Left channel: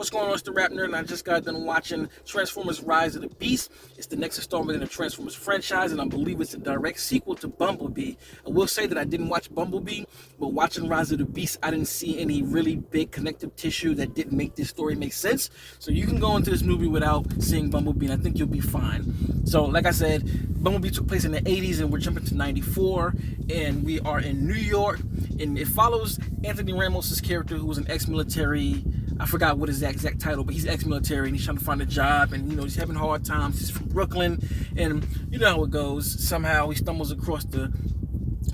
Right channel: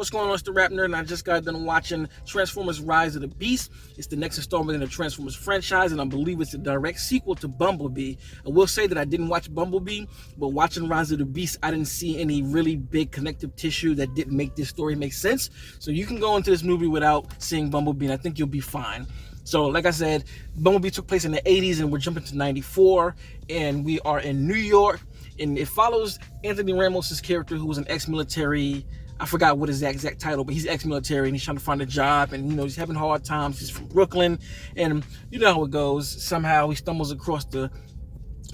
What's going on? It's the RapNerd, and I just got done watching Transformers Rise of the Beast. It's the next installment in the Transformers franchise, and I believe it's a direct sequel to Bumblebee. I will say that I didn't watch Bumblebee, but watching Rise of the Beast, I didn't see any really big connective tissue that didn't make this story make sense. So you can go into this movie without seeing Bumblebee, and I think you'll be fine. So like I said, Bumblebee took place in the 80s, and we're jumping to 94, and we are in New York, and it follows Anthony Ramos' character, who was an ex-military. I forgot what his exact title, but he's ex-military and he's trying to find a job, and he's having hard times. He's from Brooklyn, and you know how it goes. Somehow he stumbles across the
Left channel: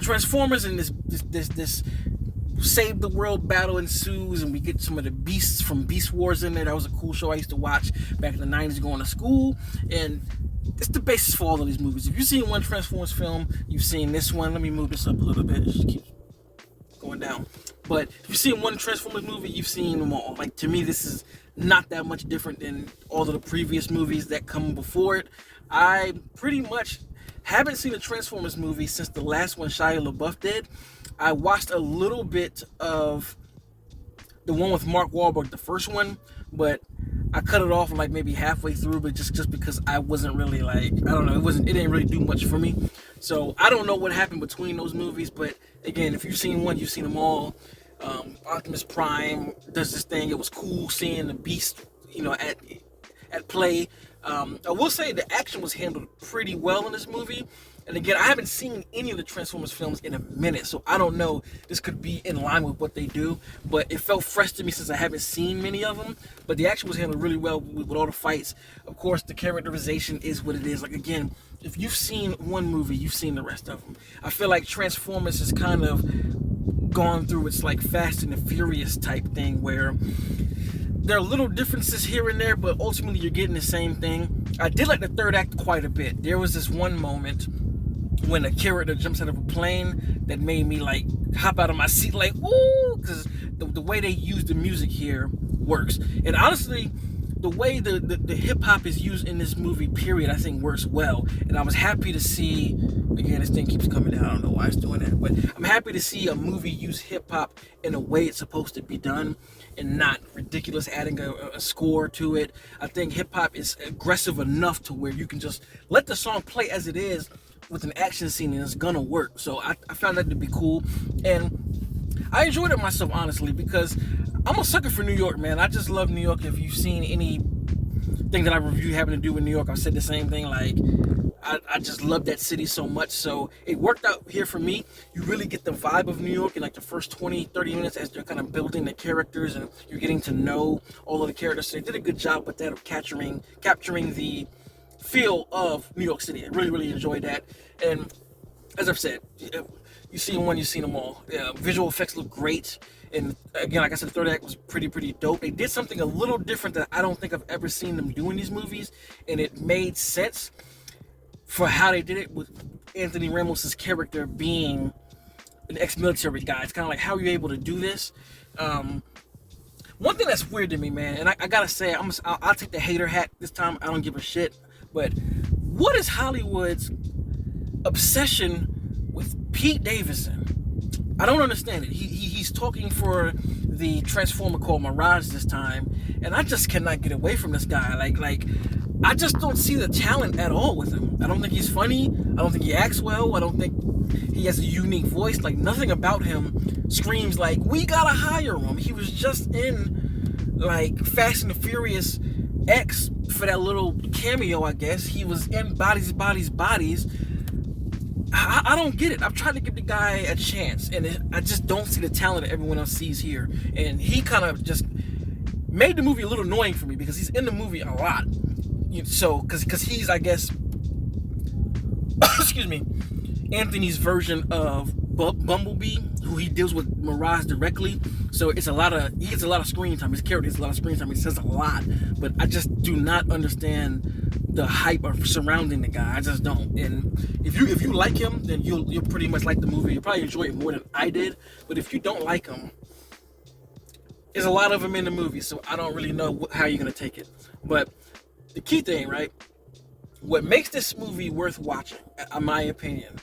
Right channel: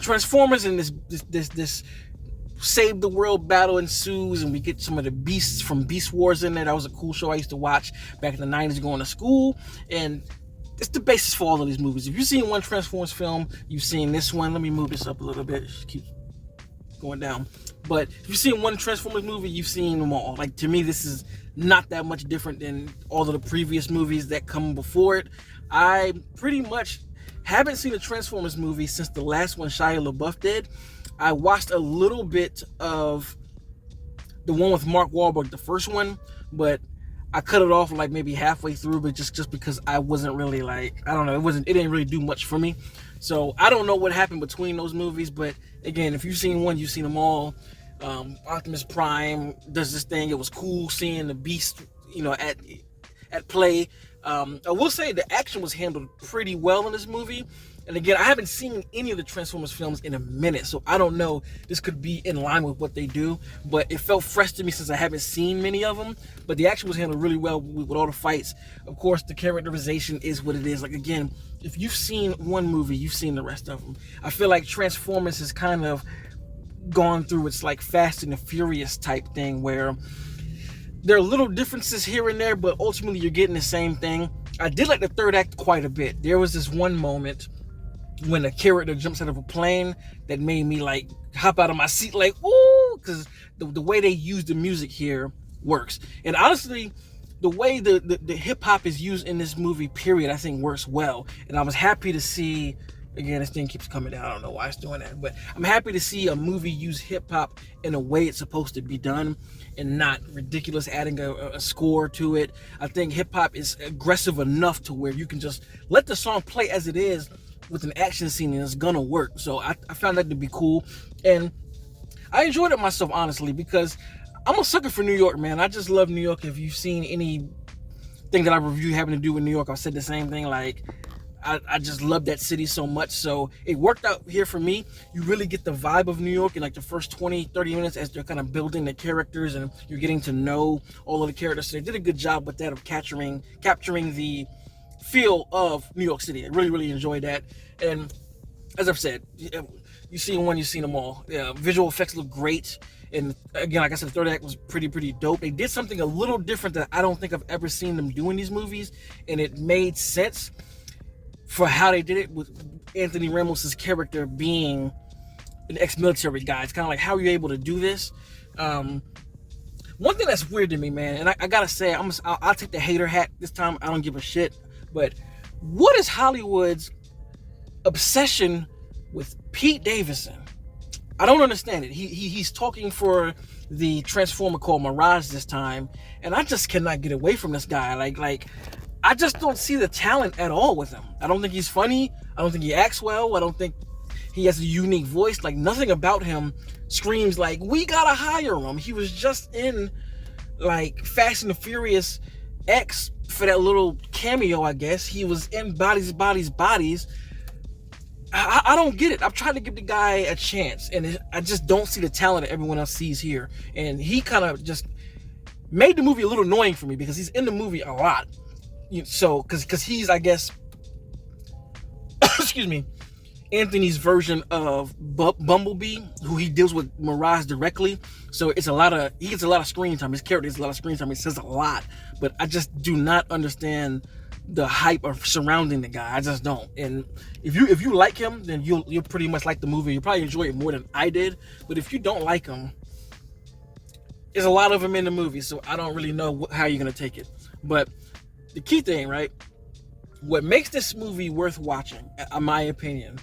Transformers, and this save the world battle ensues, and we get some of the beasts from Beast Wars in there. That was a cool show I used to watch back in the 90s going to school, and it's the basis for all of these movies. If you've seen one Transformers film, you've seen this one. Let me move this up a little bit. It just keeps going down. But if you've seen one Transformers movie, you've seen them all. Like, to me, this is not that much different than all of the previous movies that come before it. I pretty much haven't seen a Transformers movie since the last one Shia LaBeouf did. I watched a little bit of the one with Mark Wahlberg, the first one, but I cut it off like maybe halfway through, but just because I wasn't really like, I don't know, it didn't really do much for me. So I don't know what happened between those movies, but again, if you've seen one, you've seen them all. Optimus Prime does this thing. It was cool seeing the Beast, at play. I will say the action was handled pretty well in this movie. And again, I haven't seen any of the Transformers films in a minute, so I don't know. This could be in line with what they do, but it felt fresh to me since I haven't seen many of them. But the action was handled really well with all the fights. Of course, the characterization is what it is. Like, again, if you've seen one movie, you've seen the rest of them. I feel like Transformers has kind of gone through its like Fast and the Furious type thing, where there are little differences here and there, but ultimately you're getting the same thing. I did like the third act quite a bit. There was this one moment when a character jumps out of a plane that made me like hop out of my seat like, ooh, because the way they use the music here works. And honestly, the way the hip-hop is used in this movie, period, I think works well. And I was happy to see, again, this thing keeps coming down, I don't know why it's doing that, but I'm happy to see a movie use hip-hop in a way it's supposed to be done, and not ridiculous adding a score to it. I think hip-hop is aggressive enough to where you can just let the song play as it is with an action scene, and it's gonna work. So I found that to be cool, and I enjoyed it myself, honestly, because I'm a sucker for New York, man. I just love New York. If you've seen anything that I review having to do with New York, I've said the same thing. Like, I just love that city so much. So it worked out here for me. You really get the vibe of New York in like the first 20-30 minutes as they're kind of building the characters and you're getting to know all of the characters. So they did a good job with that of capturing the feel of New York City. I really, really enjoyed that. And as I've said, you've seen one, you've seen them all. Yeah, visual effects look great. And again, like I said, the third act was pretty dope. They did something a little different that I don't think I've ever seen them do in these movies, and it made sense for how they did it with Anthony Ramos' character being an ex-military guy. It's kind of like, how are you able to do this? One thing that's weird to me, man, and I gotta say, I'll take the hater hat this time. I don't give a shit. But what is Hollywood's obsession with Pete Davidson? I don't understand it. He's talking for the Transformer called Mirage this time, and I just cannot get away from this guy. Like I just don't see the talent at all with him. I don't think he's funny. I don't think he acts well. I don't think he has a unique voice. Like, nothing about him screams like, we gotta hire him. He was just in like Fast and the Furious X for that little cameo, I guess. He was in Bodies. I don't get it. I've tried to give the guy a chance, and I just don't see the talent that everyone else sees here. And he kind of just made the movie a little annoying for me because he's in the movie a lot. So, because he's, I guess, excuse me, Anthony's version of Bumblebee, who he deals with Mirage directly. So he gets a lot of screen time. His character gets a lot of screen time. He says a lot, but I just do not understand the hype of surrounding the guy. I just don't. And if you like him, then you'll pretty much like the movie. You'll probably enjoy it more than I did. But if you don't like him, there's a lot of him in the movie, so I don't really know how you're gonna take it. But the key thing, right? What makes this movie worth watching, in my opinion,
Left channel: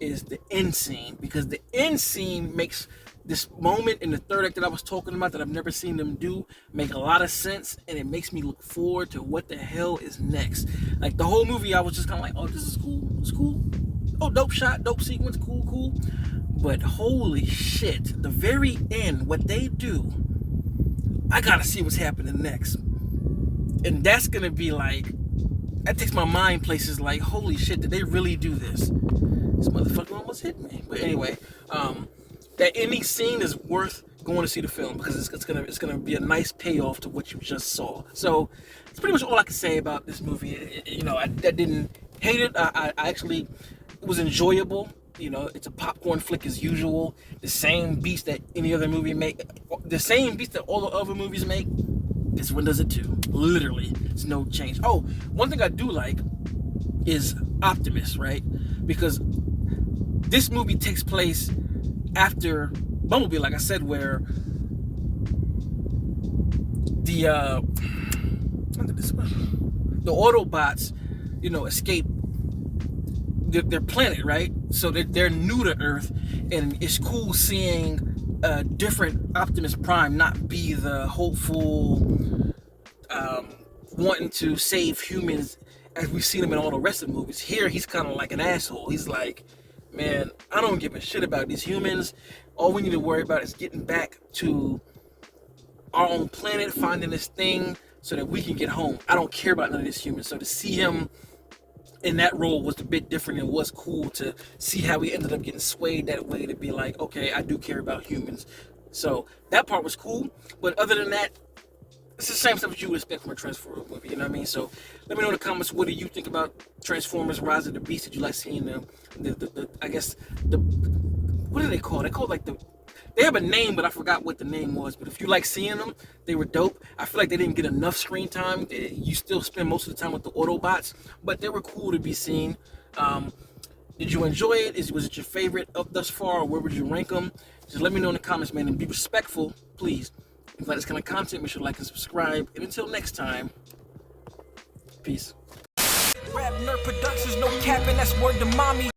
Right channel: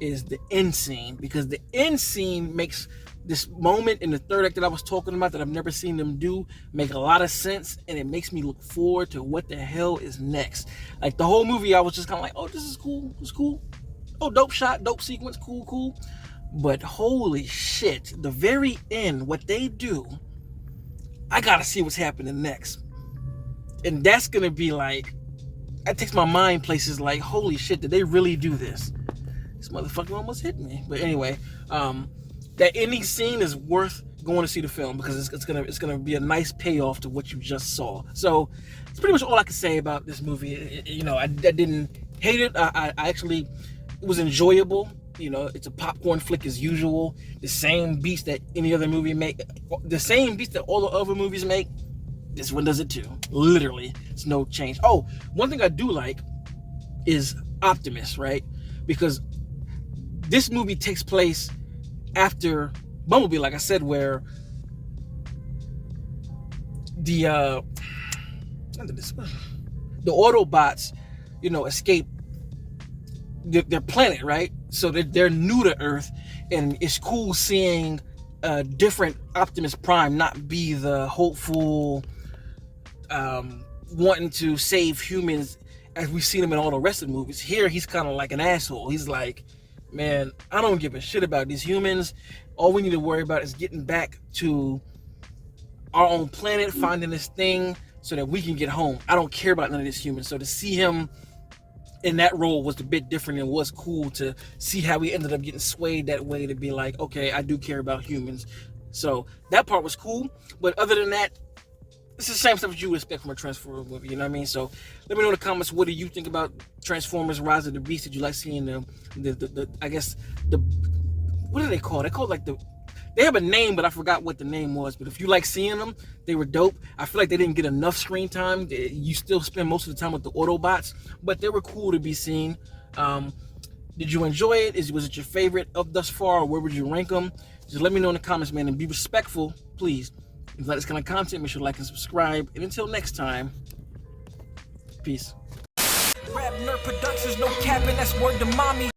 is the end scene, because the end scene makes this moment in the third act that I was talking about that I've never seen them do make a lot of sense, and it makes me look forward to what the hell is next. Like the whole movie, I was just kind of like, oh, this is cool, it's cool. Oh, dope shot, dope sequence, cool. But holy shit, the very end, what they do, I gotta see what's happening next. And that's gonna be like, that takes my mind places like, holy shit, did they really do this? This motherfucker almost hit me. But anyway, that ending scene is worth going to see the film because it's gonna be a nice payoff to what you just saw. So it's pretty much all I can say about this movie. You know, I didn't hate it. I actually, it was enjoyable. You know, it's a popcorn flick as usual. The same beats that any other movie make, the same beats that all the other movies make. This one does it too. Literally, it's no change. Oh, one thing I do like is Optimus, right? Because this movie takes place after Bumblebee, like I said, where the Autobots, you know, escape their planet, right? So they're new to Earth, and it's cool seeing a different Optimus Prime not be the hopeful, wanting to save humans as we've seen him in all the rest of the movies. Here, he's kind of like an asshole. He's like, man, I don't give a shit about these humans. All we need to worry about is getting back to our own planet, finding this thing so that we can get home. I don't care about none of these humans. So to see him in that role was a bit different, and was cool to see how he ended up getting swayed that way to be like, okay, I do care about humans. So that part was cool. But other than that, it's the same stuff that you would expect from a Transformers movie, you know what I mean? So let me know in the comments, what do you think about Transformers Rise of the Beast? Did you like seeing the I guess, what do they call it? They call it like they have a name, but I forgot what the name was. But if you like seeing them, they were dope. I feel like they didn't get enough screen time. You still spend most of the time with the Autobots, but they were cool to be seen. Did you enjoy it? Was it your favorite of thus far, or where would you rank them? Just let me know in the comments, man, and be respectful, please. If you like this kind of content, make sure to like and subscribe. And until next time, peace. RapNerd Productions, no capping, that's word to mommy.